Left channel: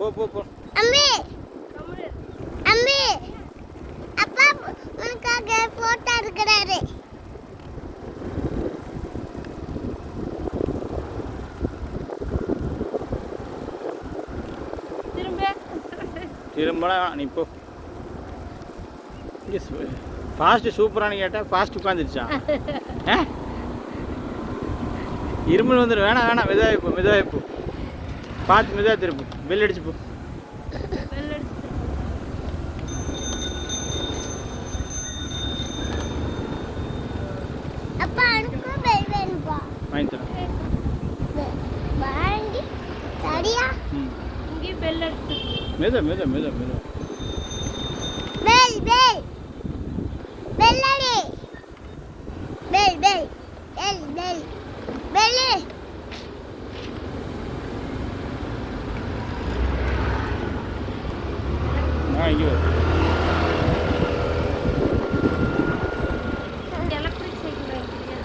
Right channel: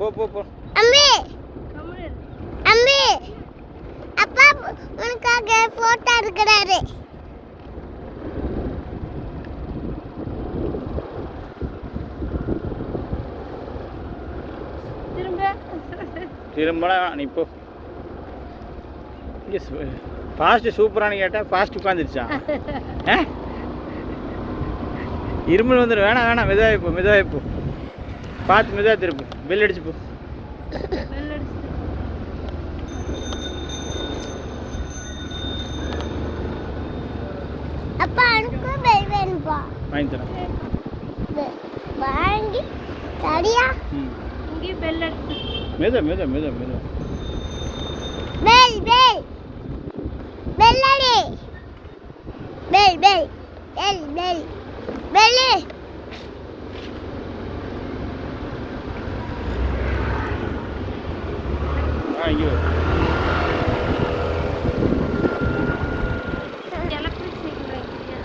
போ போ போ. அம்மி அம்மி அப்பா உனக்காக போட்டோ எடுக்கிறாரு. திரும்ப நீ போ. ஃபாஸ்ட்டு சூப்பரானு கேட்டால் ஃபாஸ்ட் உட்காந்துருச்சா? இருமல் வந்துடும். வேணாம் வேணாம், மெதுவாக இப்போ மெதுவாக இப்போ பார்த்து மெதுவாக திருப்பு. பெல் அடிச்சு போ. அப்பா எனக்கு பெல் வேணும்பா. வாங்கி தரேன். வாங்கி சரியா? இங்கே பெல் அடிச்சு. மெதுவாக மெதுவாக மெதுவாக மெதுவாக. பெல் பெல் பெல் அடி. Bell bell bell bell bell. ஐயோ எலக்ட்ரிக் சைக்கிள் வாங்கிக்கிறியா?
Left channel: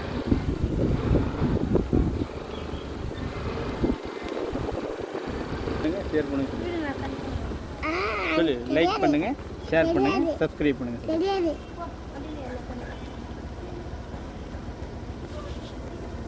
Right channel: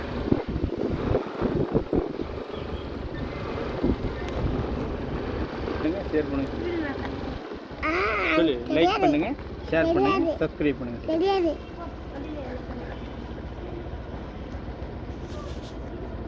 ஷேர் பண்ணுங்க. சொல்லு, லைக் பண்ணுங்க, ஷேர் பண்ணுங்க, சப்ஸ்கிரைப் பண்ணுங்க. தெரியாது.